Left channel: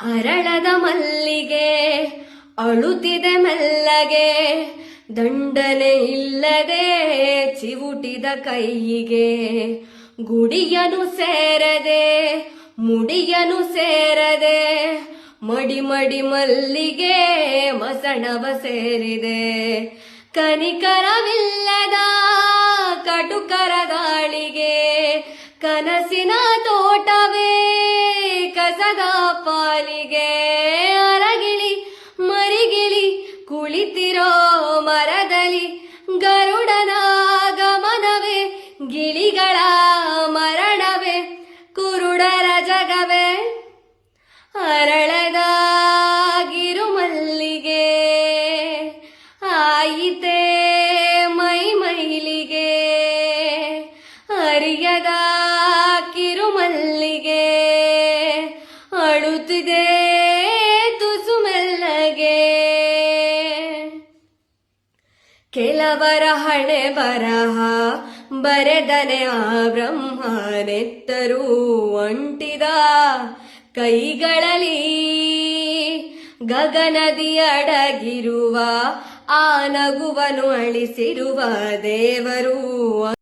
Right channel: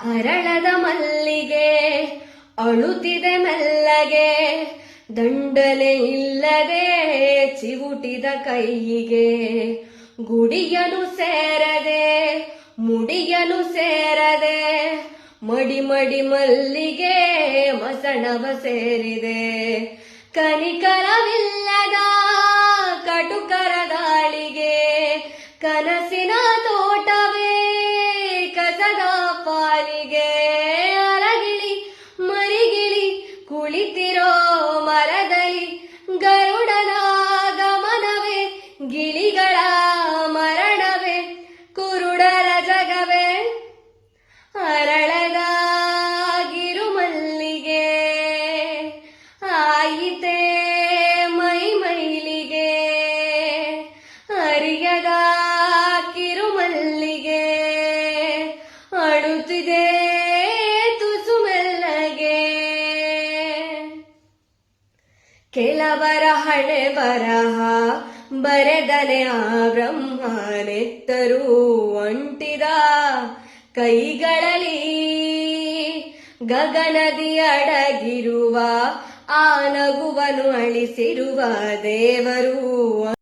ಅರಳದ ಮಲ್ಲಿಗೆ ಅಳುತ್ತಿದೆ ಮೆಲ್ಲಗೆ, ದಂಡನೆ ಇಲ್ಲದೆ ಚಿವುಟಿದ ಕೈಯಿಗೆ. ಗುಡಿಯನು ಸೇರದೆ ಮುಡಿಯನು ಸೇರದೆ, ಮಡಿ ಮಡಿ ಮಲ್ಲಿಗೆ ಮಸಣವ ಸೇರಿದೆ. ಕನಿಕರವಿಲ್ಲದ ಕಟುಕರ ಗಾಳಿಗೆ, ಕನಸಿನ ತೋಟವೇ ಕಸದ ಪಾಲಿಗೆ. ಅರಗಿಳಿ ಮರಿಗಿಳಿ ಕುಳಿತಿರೋ ಮರದಲ್ಲಿ, ಗರುಡನ ಗಮನವೇ ಗಿಳಿಗಳ ಮರಣವೇ, ಕುರುಡರ ಜಗವೇ ಅರಳದ ಗಿರುಮಲ್ಲಿಗೆ. ಆಯಿತೆ ಮೈ ಮೈಲಿಗೆ ಅರಿಯದ ಕಿರುಮಲ್ಲಿಗೆ, ಅಳುತ್ತಿದೆ ತುಸು ಮೆಲ್ಲಗೆ. ಕೆಲವರ ಹಣೆ ಬರಹ ಬರೆದನೆ ಆ ಬ್ರಹ್ಮನೆತ್ತರೂ ಅಂಟಿದ ಕೈಗಳಲ್ಲಿ, ಗಗನದಿ ಅಡಗಿರುವ ಆ ನಗುವನು ಅಳಿಸಿರುವ ದೇವರು.